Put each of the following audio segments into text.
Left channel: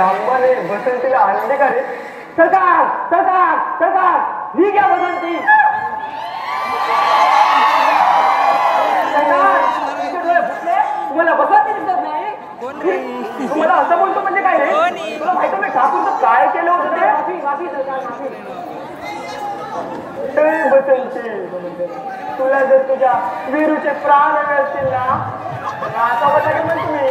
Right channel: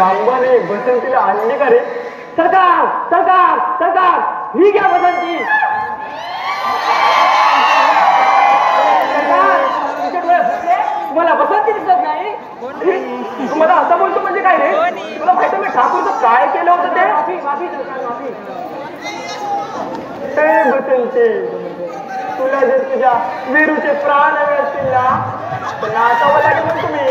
सांबाने बसंतीला आणली का रे? सरकार सरकार सरकार, ही घ्या बसंती. तुम्हाला बसंती दिसत नाही? तुम्हाला असं बोलतो म्हणजे काय रे? तुला माहिती मी ठाकूरचं काय केलं होतं ते? बसंती, तुला जर तुझ्या वीरूचे प्राण हवे असतील ना, नाचावं लागेल तुम्ही.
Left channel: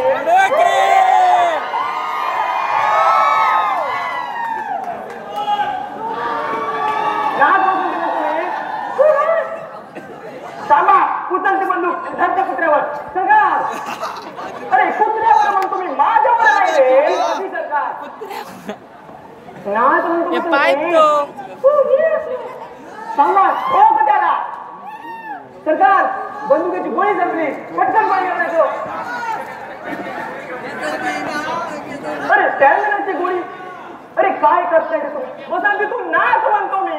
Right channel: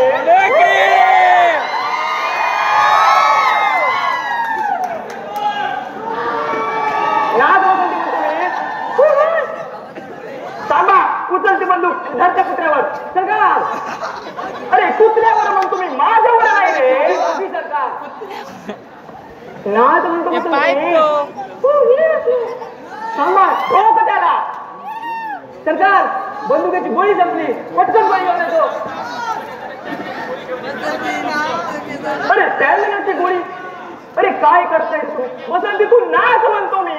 उचलते बंदूक धरच्या कुत्र्यावर. सरकार, अरे कुत्र्यावर म्हणून तुम्ही माझ्यावर नाही रे. सरकार नाही म्हणतो सांगा त्याला. सरकार, बंदुकीची गोळी संपली, पटकन गोळी वापरायचो. अरे त्याची गोळी. अरे काय करताय तुम्ही? वसंती तू नाच म्हणतो मी.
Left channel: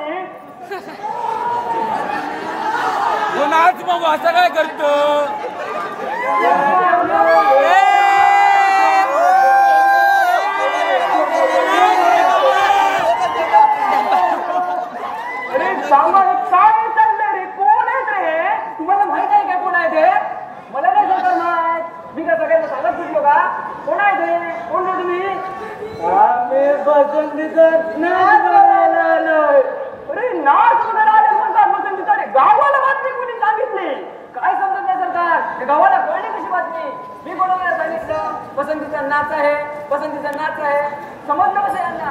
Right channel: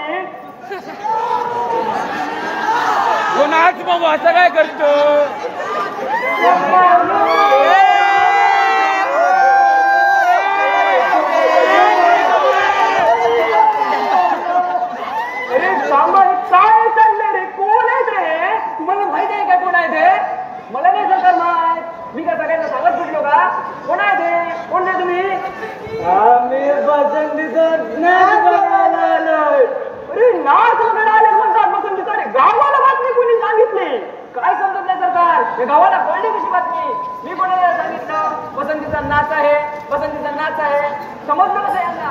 नाच मग असं काय करतो? अरे सांगा काय चाललंय रे? कोण आहे ते? तुम्हाला माहित आहे का कोण आहे ते? मला नाही सरकार माहित. मी का सगळ्यांना सांगत सुटलो का? कोण आहे ते? कोण आहे तुम्ही? आम्ही बसंतीचा नाच बघायला आलोय. अरे नाच बघायला आले म्हणतात बसंतीचा. रे गावाला बातमी कोणी सांगितली? काय समजत नाही सरकार. गावाला कळली कशी बातमी? मी कोणाला सांगितलं बसंतीचा नाच आहे, बसंतीचा नाच आहे? समजलं कसं यांना?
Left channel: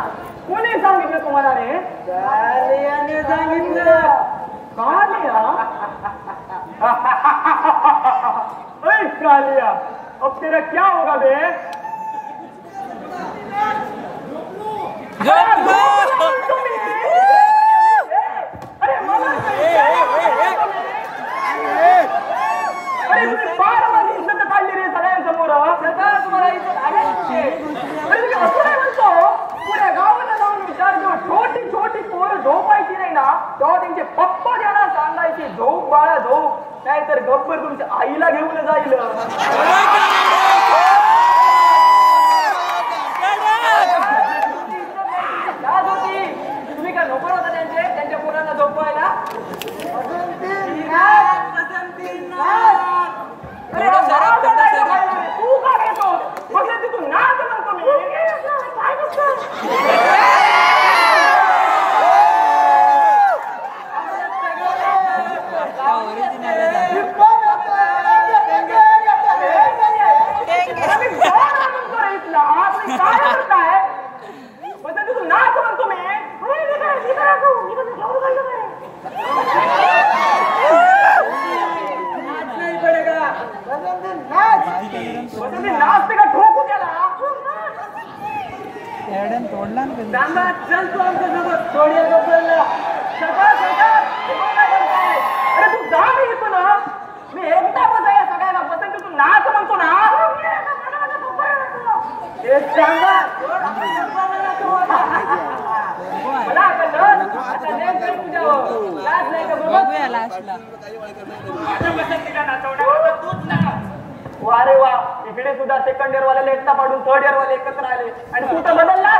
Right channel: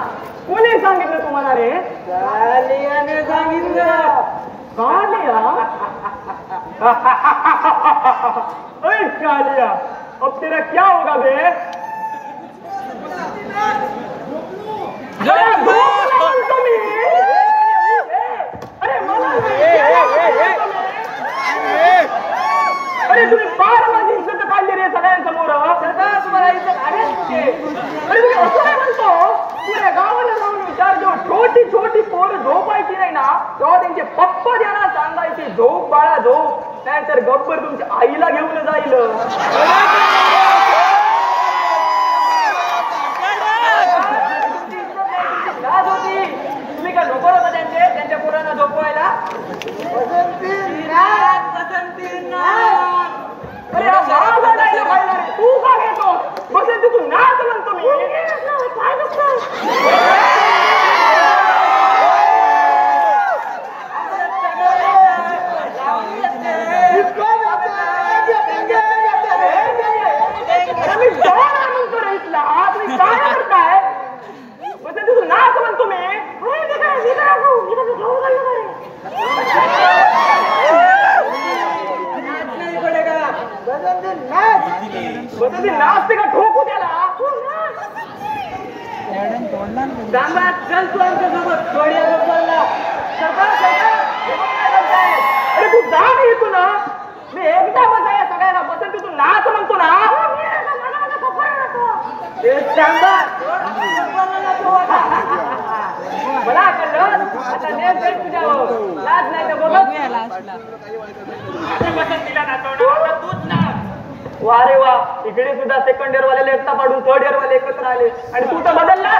कोणी सांगितलं तुम्हाला रे? कालियाने सांगितलं. कालिया? अरे कालिया, अब तेरा क्या होगा बे? अरे तुम्ही फार माझी इज्जत काढली रे सगळ्यांसमोर. सरकार तुम्हाला इज्जत आहे? अरे मी असं नाही म्हणतो. पुऱ्या गावाला जाऊन विचार, जेव्हा छोटी छोटी पोरं झोपायची नाही ना, तेव्हा त्यांचे पप्पा त्यांना सांगायचे झोप बाळा झोप, नाही तर गब्बर तुमच्या आईला घेऊन जाईल. तुम्ही का नको नका त्यांच्या पोरांना झोपवायला? तू का घेतो? बसंती तू नाच म्हणतो मी. काय करताय? बसंती तू नाच म्हणतो मी. बसंती नाचते का? ठोकू त्याला. सांगा चल तू आमच्यासोबत थोड्या बरोबरला. सरकार अरे तू जा ना इथून. मी एकदा बसाया सगळ्यांना. बसंती तू नाच म्हणतो ना. सांगा मला कळलं. आता नेम काही पूजा नाच नाही का बघत? बसंतीला नाचवणार आता तूच नाच. वा रे वा, इकडे सुद्धा सेकंड इयर वाले एकटा पाडून थर्ड इयर वाले एकत्र आले आणि तू तर बदलला.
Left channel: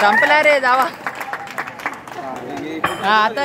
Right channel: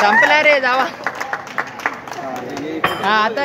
संपला रे जावा. आता